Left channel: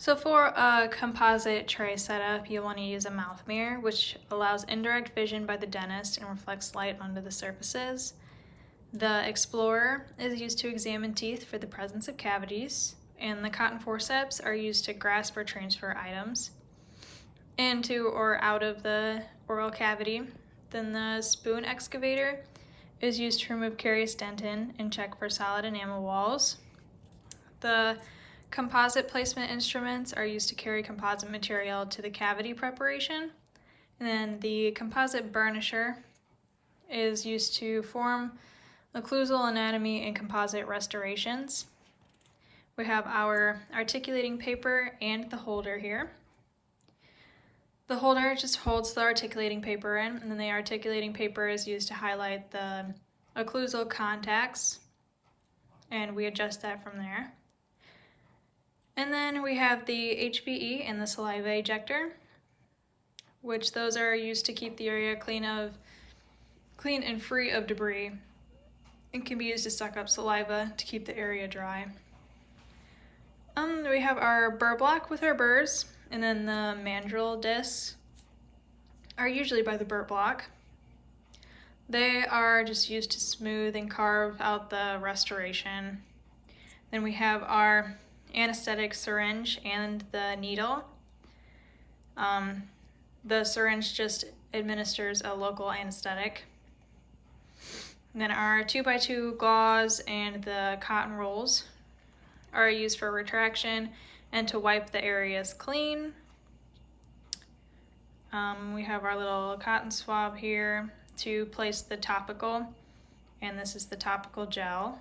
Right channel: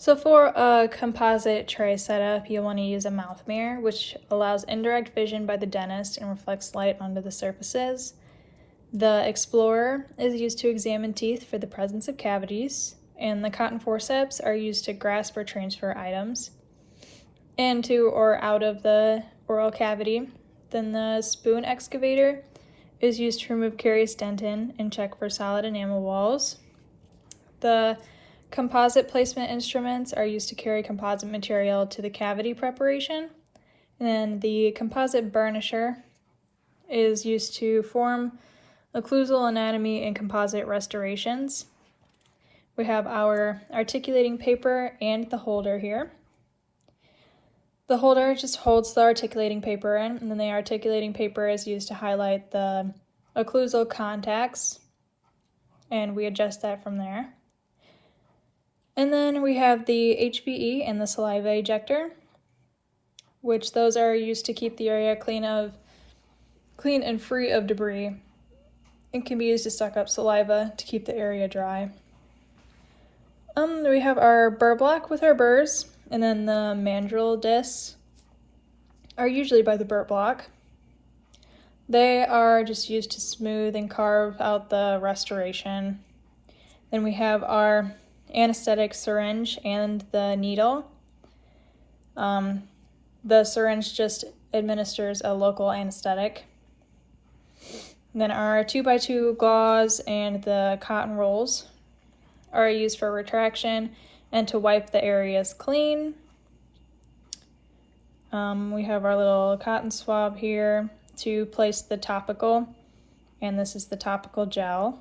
So for a composite tray setup, you'll want to use a mouth mirror, which allows indirect vision by the dentist and reflects light onto the surfaces. The Explorer is used to examine teeth for the presence of cavities, and the cotton forceps are used to grasp or transfer items into or out of the oral cavity. Then the spoon excavator is used to remove carious dentin and check for solid enamel walls. The composite placement instruments are used to carry composite material to the cavity preparation. And then the composite burnisher is used to form occlusal anatomy and composite restorations. We have our articulating paper and the holder here. The holder just holds the articulating paper in, and then the articulating paper is used to highlight the occlusal contacts, and we adjust that from there. And then we have the HBE and the saliva ejector, which those are used to keep the area clean and free of debris. It can be used to suck up saliva to keep the area dry. We have our burr block with our burrs, and then the mandrel discs are usually by the burr block. They are just used to smooth and carve out the restoration. Then we have our anesthetic syringe and the needle. The syringe just administers a local anesthetic. And then our 2x2 gauze and the cotton rolls are used for retraction and to wipe the areas clean. We have our little cotton swab here to place the topical, and this is the topical gel.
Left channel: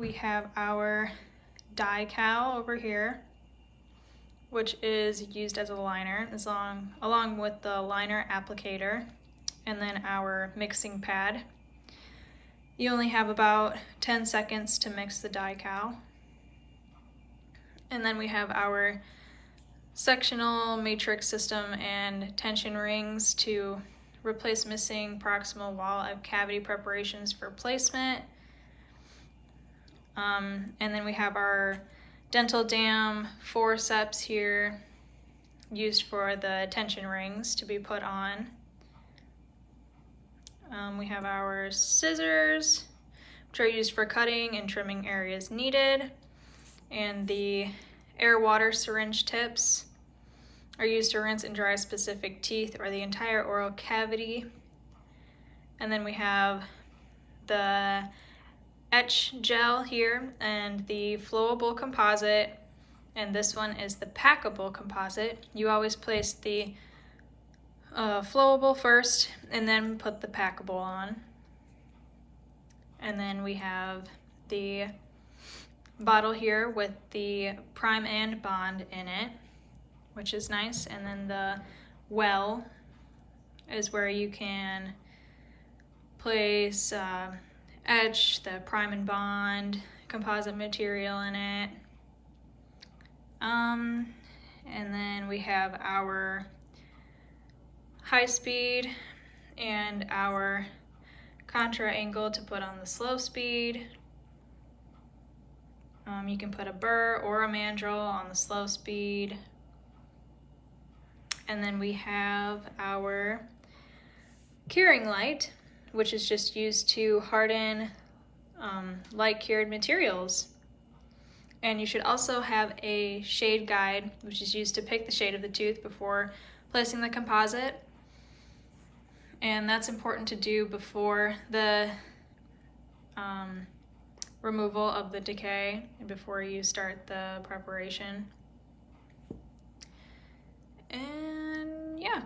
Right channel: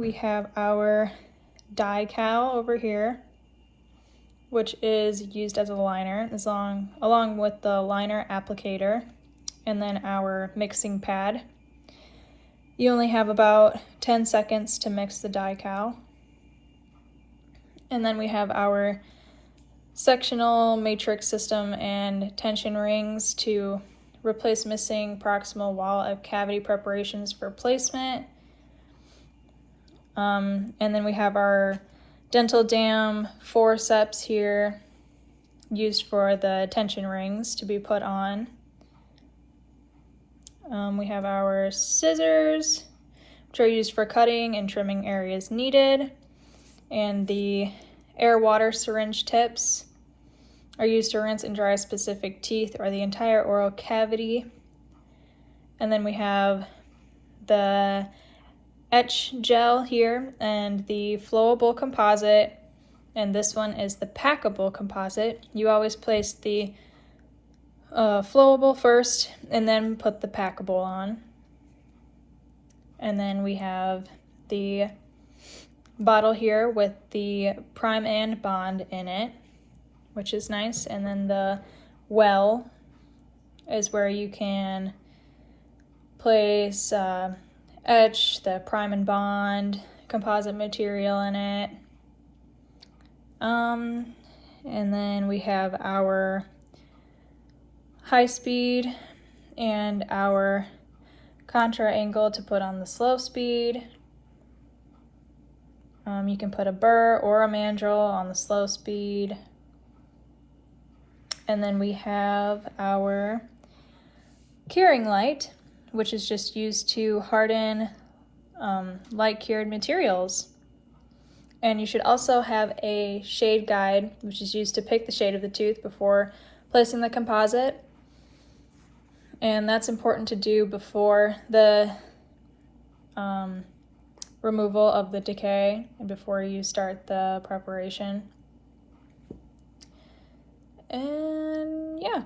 We have our dye cowl over here, which is used as a liner along with the liner applicator, and then our mixing pad. You only have about 10 seconds to mix the dye cowl. And then we have our sectional matrix system and tension rings to replace missing proximal wall of cavity preparations for placement. And then we have our dental dam forceps here, used for the tension rings to be put on. We have our scissors, which are used for cutting and trimming areas needed. And the air-water syringe tips are used to rinse and dry specific teeth or the entire oral cavity. And then we have the etch gel here and the flowable composite, and this one is the packable composite. You always place the flowable first and then put the packable on. And then we have the bottle here with the prime and bond in it, which is nice. And then the well is where you can place etch, the prime and bond composite material in it. And then we have our high speed and our contra angle to put on the slow speed. You can put a burr or a mandrel on the slow speed. And then we have our curing light, which is just used to harden light cured materials. And you should also have a shade guide, which is used to pick the shade of the tooth before placing the composite. And that's important to do before the removal of the decay and before you start the preparation. And yeah.